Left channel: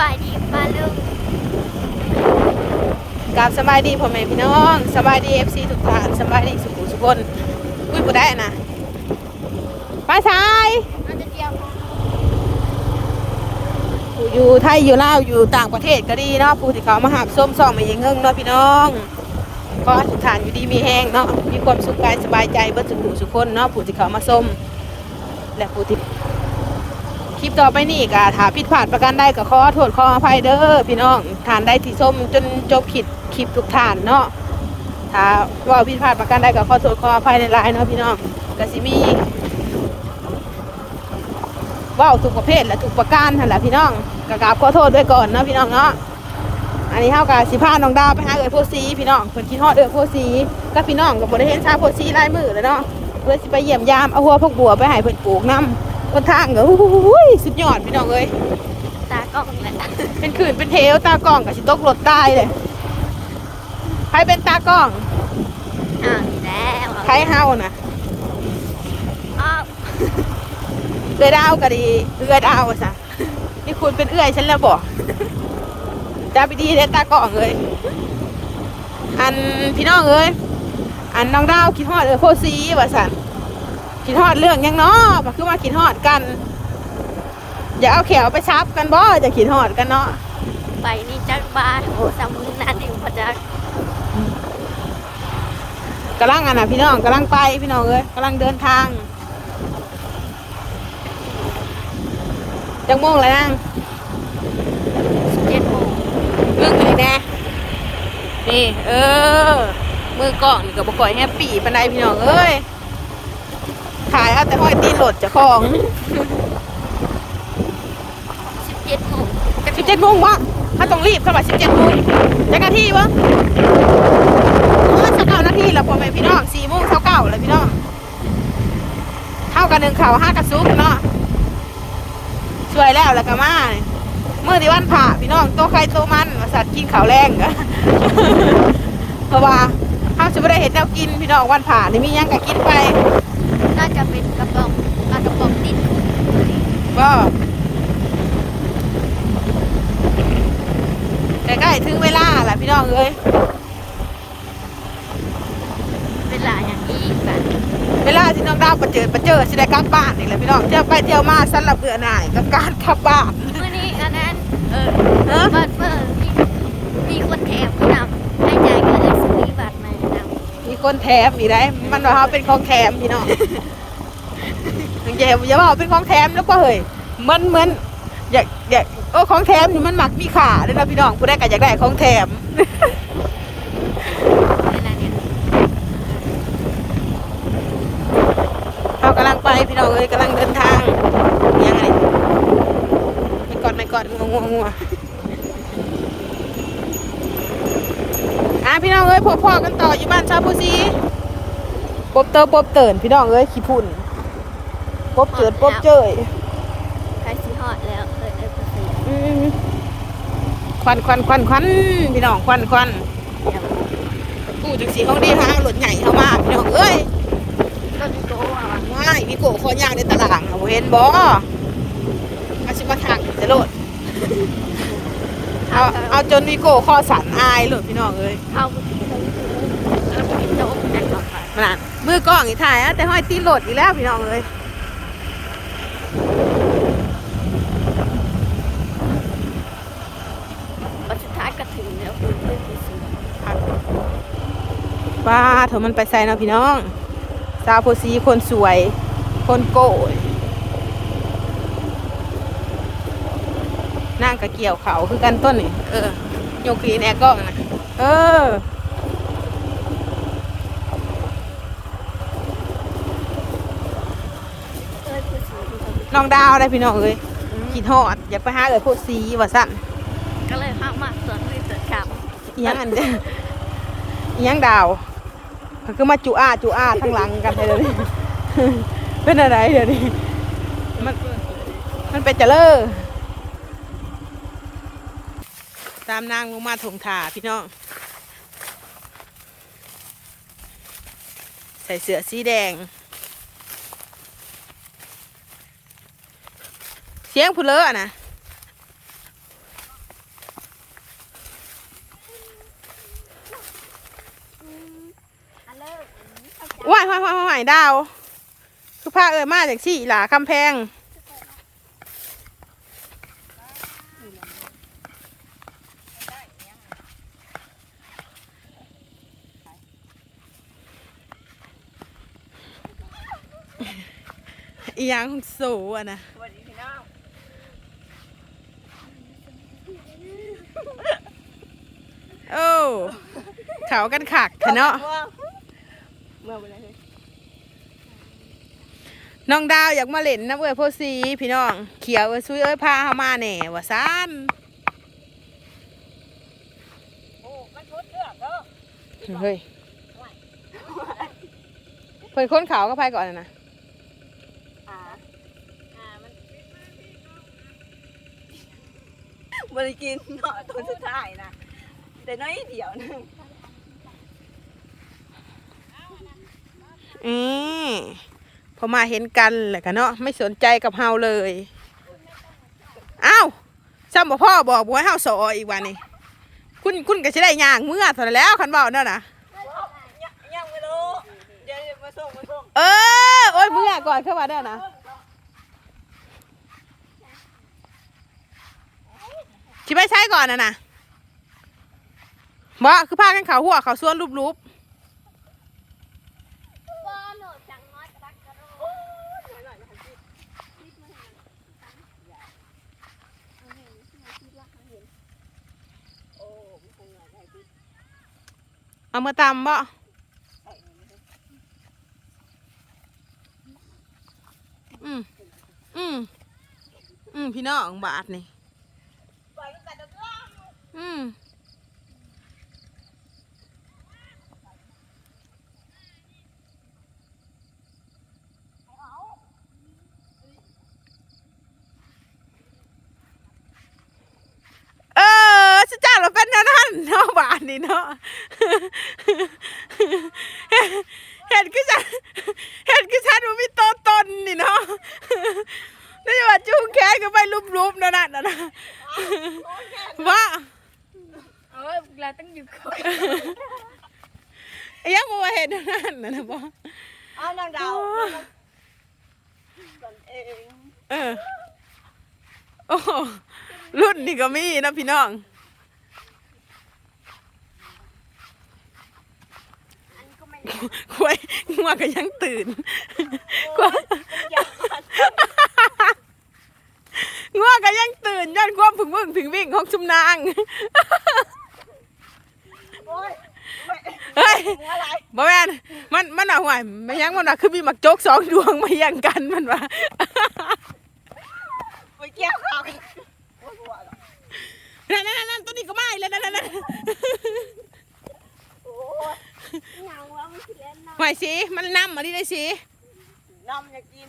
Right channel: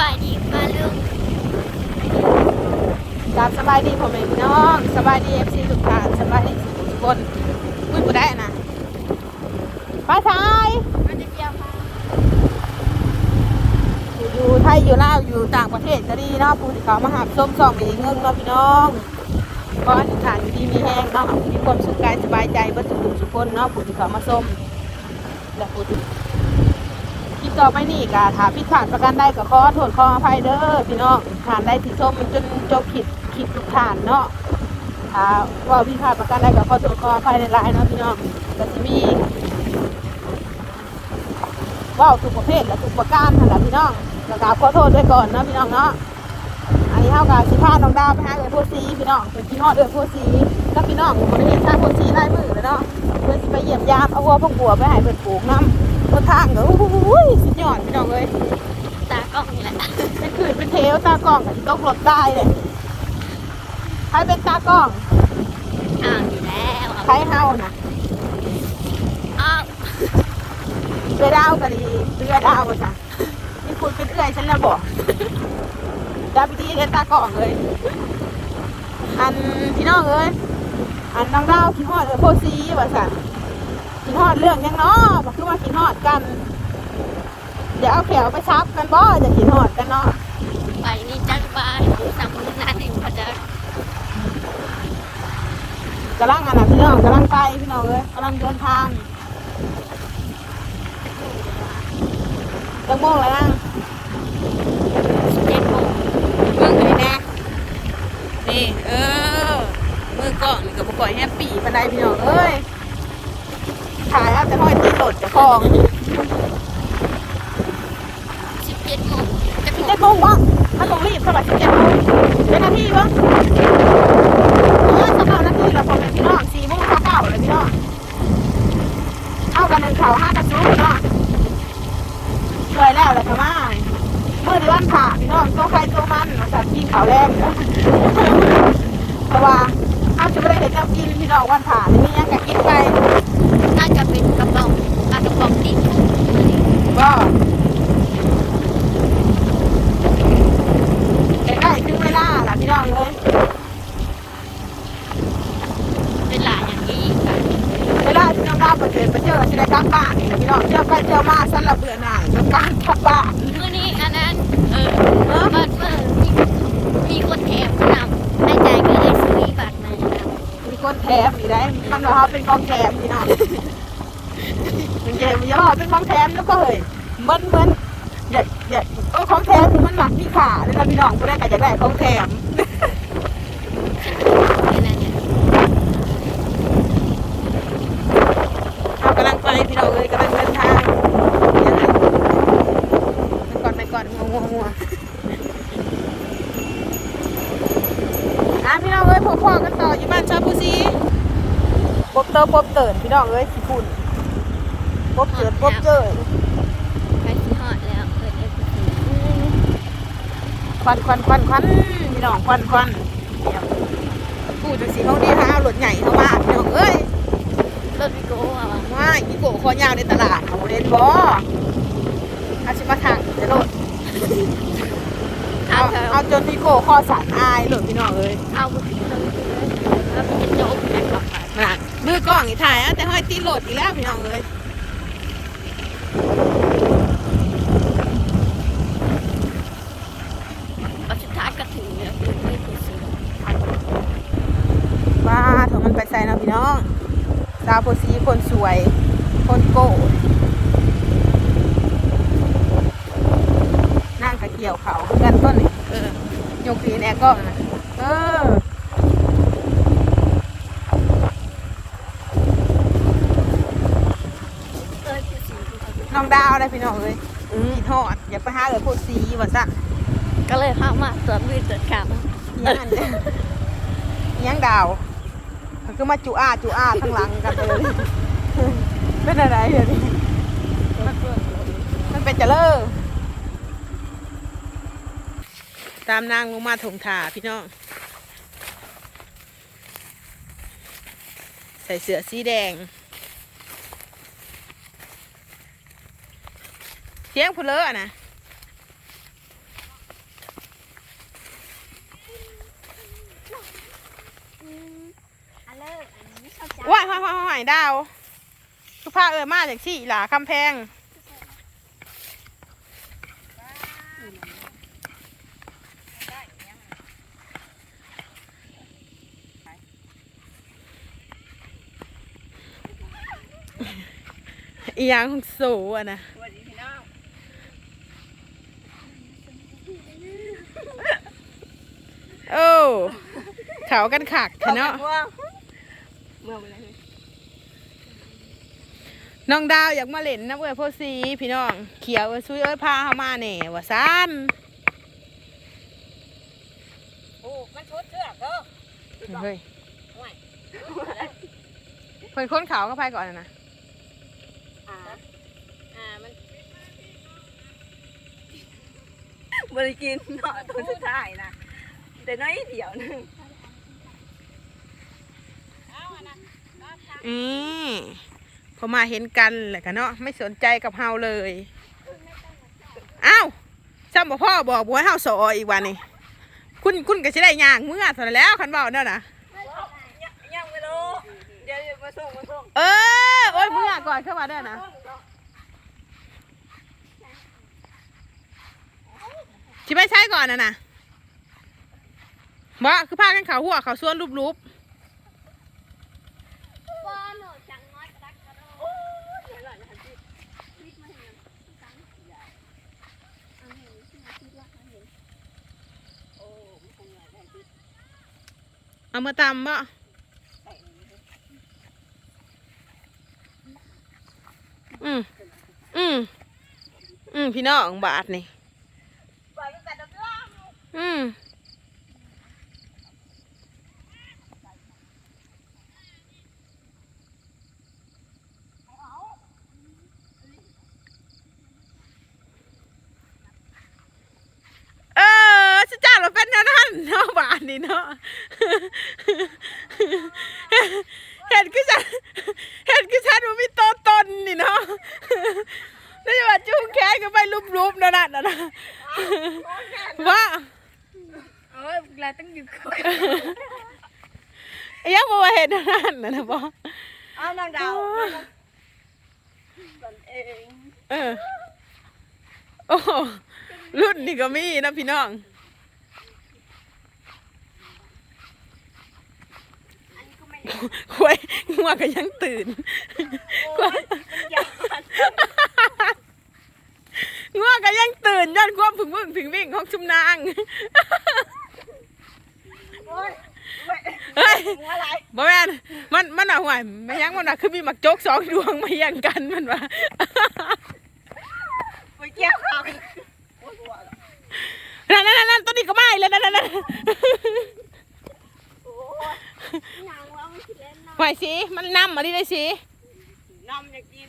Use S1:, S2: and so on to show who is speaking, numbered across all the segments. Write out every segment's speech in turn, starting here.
S1: บายดีป้าลุง
S2: กาบสบายดีพ่อแม่พี่น้องสบายดีเอฟซีทุกท่านสบายดีสุขสุขคนคุยผู้ได้นะมาชายอยู่ไทยอยู่ลาวอยู่ต่างประเทศก็ดีเนาะผู้ที่เขามาหักส้มส่องมาเองเฮิงเนาะพี่น้องก็ทุกท่านอยู่ดีมีแห้งเนาะมีความสุขกายสบายใจเบิดสุขสุขคนเนาะผู้ที่เขามาส้มและผู้ที่ คลิปต่อไปนี่ก็ถ้าผิดพลาดประการใดก็ขอโทษขออภัยเด้อพี่น้องทานได้ที่ส้มจนจบผิดคลิปทุกท่านเนาะถ้าว่าผิดพลาดประการใดก็ขอโทษขออภัยในหลายเนาะพี่น้องก็สิมีว่าวทุกประเภทและทุกประการนั่นแหละพี่น้องกราบขอโทษด้วยก่อนเนาะพี่น้องเนาะอันนี้เท่ากับสิพาน้องดาวไปหาเอ๋ยโพสีพี่น้องคนคิดฮอดเอ๋ยโพสีก็พี่น้องของบริเวณชาโพสีลายมือเลยเนาะเลยสิไปเยี่ยมยามเอาหัวพวกบัวไปให้เพิ่นปลูกน้ำ คนทางก็อุ้ยสุดยอดพี่น้องเอ้ย
S1: ตากล้องแหละ
S2: เป็นขืนเป็นเทวตากล้องกับสิตกรถตายเลยใครเป็นตากล้อง
S1: อ้าวนี่แล้วเอา
S2: ใครเฮานะ
S1: อ้าว
S2: เอื้อยดาวก็ดีเอื้อยดาวสั่งนี่คุณเป็นเอื้อยฉันแล้วบอกจ้าพี่ดีเนี่ยตากล้องเลยอันพี่น้องเอ้ยอันน้องดาวคิดฮอดเออโพซีว่าสัน คิดฮอดเรื่องหยังเนาะก็คือว่าคิดฮอดกัน อย่าเอาแขวไปชับกันบ่อย่าคิดฮอดกันเนาะ
S1: ไปนี่จักบายโอ้สามมือนั่นเองพอจัก
S2: กำลังอะนะพี่น้องกำลังไปพี่น้องเอ้ยกำลังเดินทางจังม่วงเลยนะ
S1: เจ็ดโมง
S2: มึงไงแน่นี่ เออ มือกล่องนี่กับบุกอยแฮปปี้ปานใดพี่น้องเอ้ยถ่ายเอา แต่ห้อยตีนโหลดเจะคล้าของ
S1: สิบเจ็ดโมงจะ
S2: สิบเจ็ดโมงวะถ้าต้องรีบเข้ามาสิบเจ็ดโมงแต่นาทีวะห้าสิบเก้านาทีแล้วคนไปพี่น้องสี่โมงเก้าเก้าเลยพี่น้องเข้ากันหนึ่งข่าวห้ากระซุกเนาะช่วยแล้วแล้วก็มาเลยเมื่อในวันผ่าพี่น้องโตะใครโตะมันว่าสัตว์กินข่าวแรกเพราะว่า เห็นเจ้ากินพี่น้องวันผ่านี่มียังก็กินไป
S1: น่าจะเป็นกระป๋องปลากระป๋องติดคุก
S2: บ่ใกล้ๆถึงเวลาแหละพี่น้องเอ้ย
S1: เวลาอย่างนี้กัน
S2: เวลาที่น้องดาวประเจิดประเจิดจะได้กลับบ้านนี่แหละพี่น้องเที่ยวไปเที่ยวมาสลับเบื่อหน่ายกับการกลับบ้าน
S1: เมื่อนี้อันนั้นเออ
S2: เออ
S1: บัตรเบอร์มีมีคนแถมนำให้จ่ายก็เลยซื้อบัตรมานำ
S2: มีคนแถ มอีกนะมันว่าเขาเป็นของแถมพี่น้องถึงเย่อย่าว่าเป็นของแถมแล้วก็เฮ้ยมันเหมือนอยากอยากโอ้ของแถมมันหมักมีขาเลยนะพี่น้องผู้ได้ก็อยากได้ของแถม
S1: เวลาเนี่ย
S2: เขากำลังไปพี่น้องเลยกำลังเดินทางยังไงไปก่อนไปก่อนงงๆว่ะอะพี่น้องเอ้ยพบพ่อกันต่ออยู่บ้านชาวผู้ซี บเติมปบเตินพี่น้องเอ้ยขี้พุ่นปบเจิดปบเจย
S1: ใกล้สิฮอดแล้วเออเออเออ
S2: อืมควันควันควันควันพี่น้องควันควัน
S1: เดี๋ยว
S2: กูจากสีห้องเรียนให้เอารถใหญ่เข้ามาพี่น้องเอ้ย
S1: รถวิโก้อะวะ
S2: ว้ายพี่โกะคอยาวในตลาดน่ะเห็นบ่อาชิมาทางจะโลด
S1: ทาง
S2: เอา
S1: แถว
S2: เอาจนวิโก้ข้อสั่นอายโหลดพี่น้องเอ้ย
S1: เอาไปที่ตรงนี้เลยแล้วมันจะโจ๊กแอคขับไป
S2: มามือกล้องอีกถ่ายอะแต่ห้อยตีนโหลดอีกแล้วพี่น้องเอ้ย
S1: พอสุดท้ายก็ถึงแล้วคือเรื่องซื้อ
S2: ว้าเถอะมันไปใส่เนาะพี่น้อง สาวโพสีคนสวย คนโก้นั่งกะเกี่ยวเขาคือกันต้นนี่เออโยกปีนแอร์กล้องนะเออ
S1: เอ้ยผู้ซื้อผู้ซื้อ
S2: น้องดาว ได้พี่น้องเอ้ยกินฮอดอยากไปหาเลยพวกสีว่าสั่น
S1: ก็เลยเข้ามาตรวจมือตรวจข
S2: อีหยังอันเด้ออีหยังดาวมันคือมาจุอาจุอาทั้งหลังกันเลยเป็นอะไรเดี๋ยวนี้มันมันเป็นเจเลอตามนางลงมาถงถาพี่น้องใส่เสื้อสีแดง สียงผู้เลอะนะว่าว่าว่าหายดาวทุกภาเอ่มาจากที่หลาคำแพงอียางของโซอะนะ เขากันขักเถอะเนาะ
S3: เมื่อวันไหนเลย
S2: น้องดาวอยากมาเล่นน้ำเอ้ยโพสีพี่น้อง เขียวเอ้ยซุยเอ้ยพาเขามาแหน่ว่าซันเฮ้ยเพิ่นค้นเขาก็ไปก่อนนะ
S3: อ่า
S1: อ่ามัน
S3: บริกินเนาะตัวสุดท้ายนะแต่น้อยเดียวนึง
S2: อืมพอมาเห็นกันแหละกันเนาะไม่สนใจกับเฮาเลยอ้าวซ้ำบ่พ่อบอกบ่ให้เฮาสออีกวันนี้คุณคุณก็จะได้ย่างเมื่อเท่านั้นแล้วคันเบาเนาะนะ
S3: ยังยังไม่รู้เดี๋ยวมาส่งมาส่ง
S2: เออโอ้ยเมื่อก่อนเข้ามาได้นะคิดไปใช้ก่อนนะนะบ่คือพากันเขาหัวเขาส่วนรูป
S1: บอโหนดจังน้อยกระดักกระโดด
S3: โอ้ยหน่อยนะพี่
S1: คิดมาเห็นตั้งเอาเห็นที่มาคิดว่าเขาเห็น
S3: โอ้มันคงเหนื่อยได้พี่
S2: ๆ เอามาตำบ่
S3: ใส่นี่
S2: อืมอืมอืมพี่น้องบาทนี่
S3: ปล่อยมันแต่ดอกล่าง
S2: อืมเออฉันจ้างเราเป็นแนวนั้นเนาะบาทนี่ เนาะเห็นคือฉันเห็นคือฉันมันมีตัวตนนี่เนาะนี่ว่าจูงแขนก็ไปลุบๆนั่นน่ะนะว่า
S3: เอ้ยเราต้องอยู่เขา
S2: ยังบ่ว่าเห็นนั่นนะนะบ่
S3: เอานางดาวตนเอง
S2: เออโอ้โหรุ่นนี่ก็มีนะพี่น้อง
S1: อันนี้ ก็ไม่
S2: ควยงัวก็ยังตื่นควย
S3: มันยาวมัน
S2: งัวก็ยังตื่นย้อนความผึ่งบึ้งผึ่งวิ่งของชุมนาง
S3: โอ้ยไม่
S2: เฮ้ย
S3: หัวอะไร
S2: บ่แม่นมันมันอะห่วยไม่ยังมันอะคือมีหมักโจกสองดวงมาแย่งกันมันว่า
S3: ไปเกี่ยวเขาโอ้ยหัวเหรอ
S2: นั่นนั่นนั่นตัวนี้ก็ไม่แล้วนั่นนั่นนั่น ห่วยสิมันนำมาดิได้สิ
S3: น้ำอยากกิน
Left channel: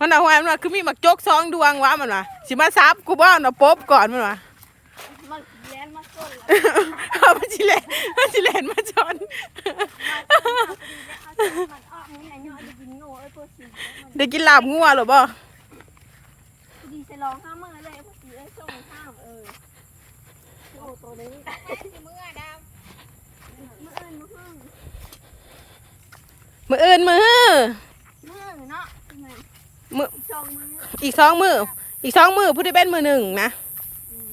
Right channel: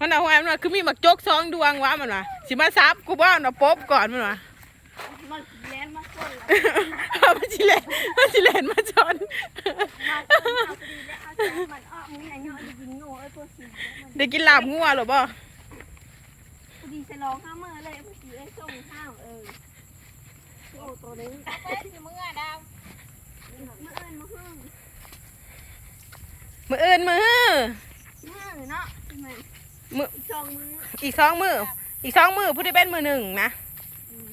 S2: มันอะห่วยมันว่าคือมีหมักโจกสองดวงวะมันว่าสิมาซับกูบ้าน่ะป๊บก่อนมันว่า
S1: มันคิดเล่นมาส้นแล้ว
S2: เอามาชิเลนมาชิเลนมาชน
S1: มาส้นเอาพอดีแล้วเอาจังมันอ้อมึงไหนเนาะได้ยินโง่ไอ้พวกสีแล้วมัน
S2: ได้กินลาบงัวหรือบ่
S1: พอดีจะร้องห้ามมือเลยพอดีไอ้ส่งห้ามเออโอ้ตัวนี้เอ้ยสิมึงอะดาวมือเอิญมือหึ่ง
S2: มืออื่นมือ
S1: มือเนาะใช่ไหม
S2: มือ
S1: อีกสองมือ
S2: อีกสองมืออีกสองมือผู้ที่เป็นมือหนึ่งนะ
S1: อืม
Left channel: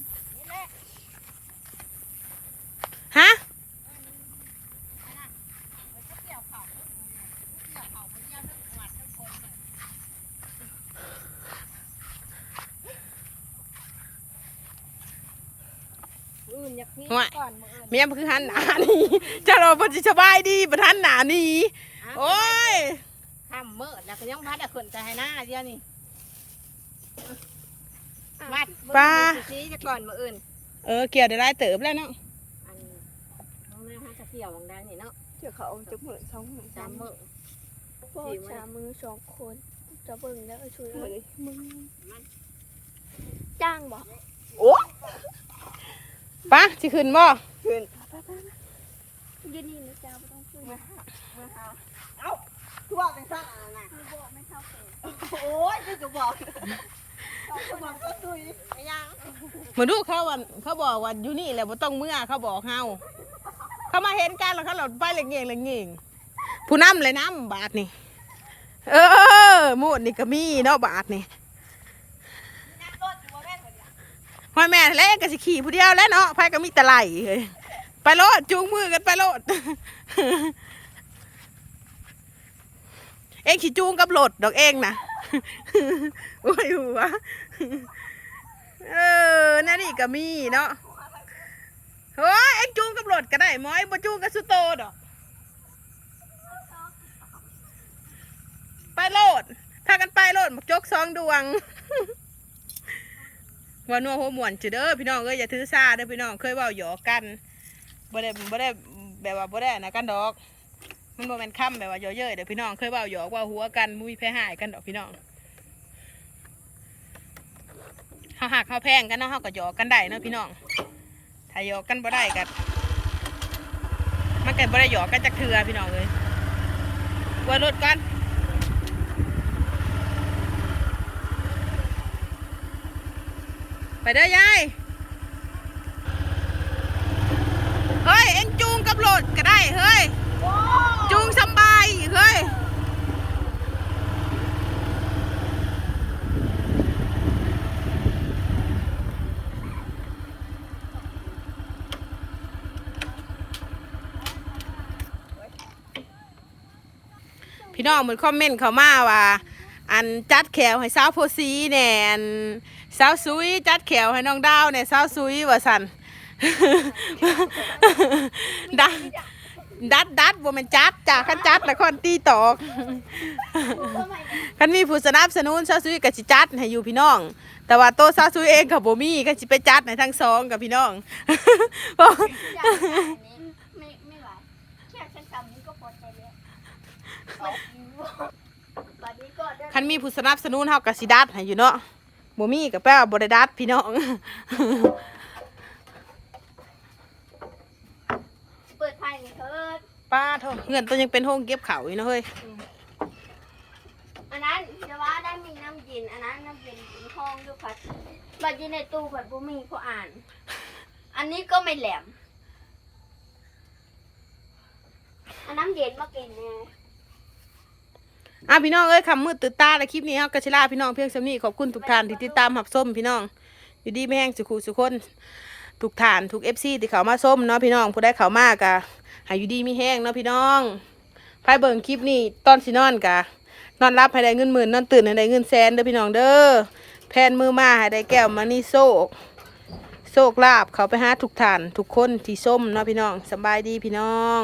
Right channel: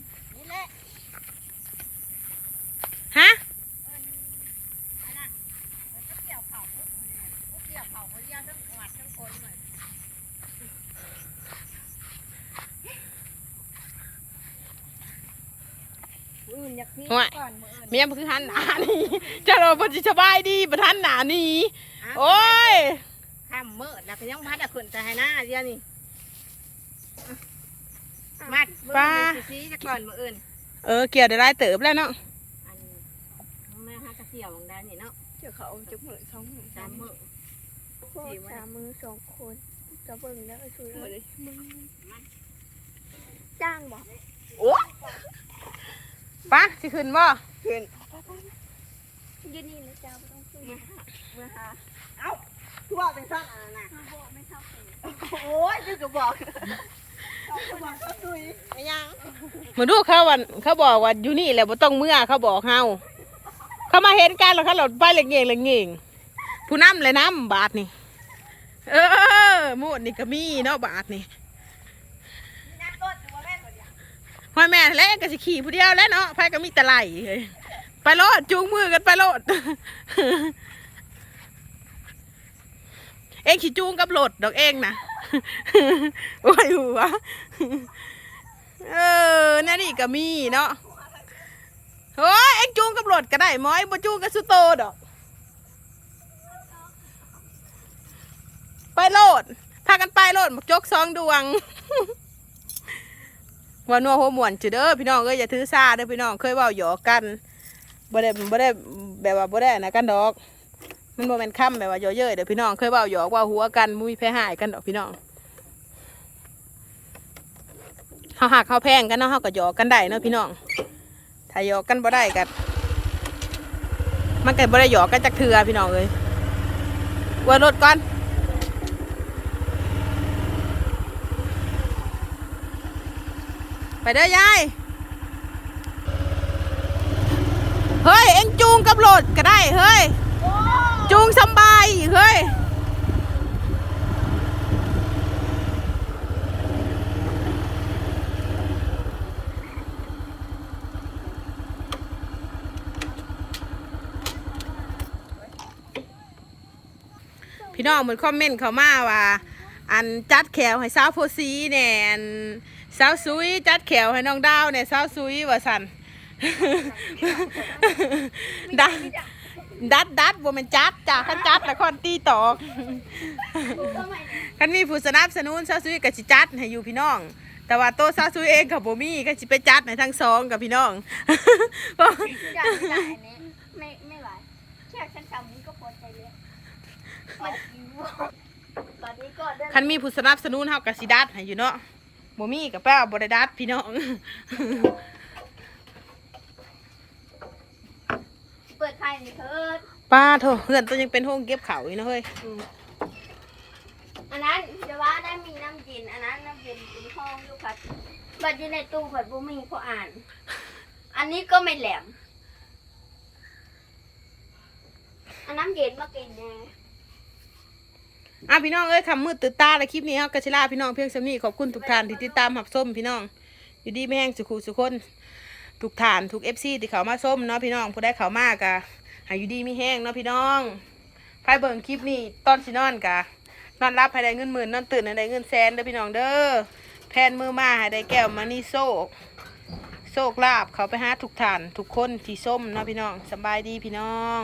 S2: ฮะ
S1: มืออื่นอยากนี่
S2: ห่วย
S1: ก่อนมืออื่น
S2: เมียมันคือหันหนานี่จะเราพอจะสบายดีประทันหนานี่ โอ้ย
S3: ข้ามมืดแล้วก็ยังพัดอะขึ้นแต่ให้หน้าเดียวนี่มัดมืออื่นชี้จะก่อนมืออื่น
S2: เออเกี่ยวได้หลายเติบแล้วเนาะ
S3: อันน้องแม่ฮักกระเกี่ยวของได้นี่เนาะ
S1: เดี๋ยวเขาเอาจะมือสองมือ
S3: สามมือ
S1: สี่วันมือสองคนจะเบิ่งแล้วไอ้ชูเลยมึงจ้างบอก
S3: โอ้
S2: ปะสิขึ้นบ่
S3: ขึ้น
S1: ยืนนี่เลยจ้างไม่ต้องช่วย
S3: เมื่อหาเมื่อหาเอ้าคือว่าเป็นสั้นอะไรนะ
S1: คือบอกไม่เท่าเอง
S3: โอ้ยจะบอกจะบอกก็ตุยไม่ยัง
S2: มาดูเขาวันเขาบอกว่าอยู่นี่แหละบ่ต้องเมื่อเขาบอกเฮาเขามาเห็นกันแล้วเขาหลดไปเหล็กเง่งเหล็กเง่งผู้นำเลยน้ำบาทนี่เออหมูดนี่ก็มีเนาะบาทนี่
S3: นักรถอยู่ว่าแม่นคนเดียว
S2: พ่อแม่แล้วก็สิขี่ผู้เดียวแล้วเนาะไผก็มีแตะไหลเฮ้ย ไปโลดจูงมือกันไปโลด เอ็งขี่จูงกับรถดดอกเองนะโอ้ยหัวเออนั่นนี่ก็มีเนาะเฮ้ยเอ็งจูงกับรถก็ได้หมอยบ่จูงกับสุโตดอก ไปโลด พากันไปโลดบักจกสองดวงว่านัวหัวหมวนจุเด้อพี่น้องเอ้ยอย่าถือซาเด้อพี่น้องเคยเว้าหยอกกัน บ่ได้บ่ได้แบบว่าบ่ได้นะกันดอก มันบ่แม่นคำแบบว่าเยอะเย้ยเด้อพี่น้องเคยเว้าหยอกว่าหัวกันบ่มีแพ้หายกันดอกพี่น้องเฮาหักเฮาแพงกันเนาะเฮาก็หยอกกันได้เนาะพี่น้อง ถ้าหยอกกันบ่ได้ก็มันก็บ่ได้หยอกกันจักเทือพี่น้องเอ้ยเว่ารถก่อนไปเด้อยาย เฮ้ย เอ็งจูงกับรถก็ได้ เฮ้ย จูงสบาย เฮ้ย พี่น้องมือนคอมเมนต์เขามาว่า อันจัดแขวให้สาวโพสีแน่นสาวซุยจัดแขวให้น้องดาวเนี่ยสาวซุยว่าสัน ดัดดัดดัดบ่ม่นจัดจากขันจัดแล้วคนตีตอกคันมีผู้สนับสนุนสาซุยก็สิจัดให้อยู่พี่น้อง แต่ว่าโตสาซุยเองกับบ่มีก็สิไปจัดให้ทั้งสองกับพี่น้อง
S1: ไม่ไม่ไหวแค่ฉันทำนี้ก็พอใจแล้วมันหิวตอนนี้ก็ได้
S2: คันมีผู้สนับสนุนเฮาก็สิดัดให้อยู่เนาะบ่มีก็แปลว่าบ่ได้ดัดพี่น้อง
S1: เปิดไพ่ห นี่เถิด
S2: ป้าโถเพื่อนตัวยังเป็นห้องเก็บเขาอยู่เนาะเฮ้ย
S1: อันนั้นจะว่าได้มีน้ำเย็นอันนั้นน้ำเย็นเป็นห้องด้วยผัดบัดอยู่ในตู้ผัดบุมีพออ่าน อันนี้ก็ไม่แหลมอันน้ำเย็นมากินแน่
S2: อะพี่น้องเอ้ยคำมืดตื่นตาและคลิปนี้เฮาก็สิลาพี่น้องเพียงสำนี้ขอบคุณทุกท่านที่ติดตามรับชมพี่น้องอยู่ดีไม่แห้งสุขุสุขคนทุกท่านทุก FC ที่เขามาส้มเนาะพี่น้องผู้ได้เขามากะ อาอยู่ดีมีแห้งเนาะพี่น้องไปเบิ่งคลิปนี้ตอนสินอนกะนอนรับให้ได้เงินหมื่นนอนตื่นให้ได้เงินแสนเด้อพี่น้องเด้อแพนมือมาให้ได้แก้วมานี่โซกโซกลาบเขาไปหาทุกท่าน ทุกคนที่ส้มเนาะพี่น้องสบายดีพี่น้อง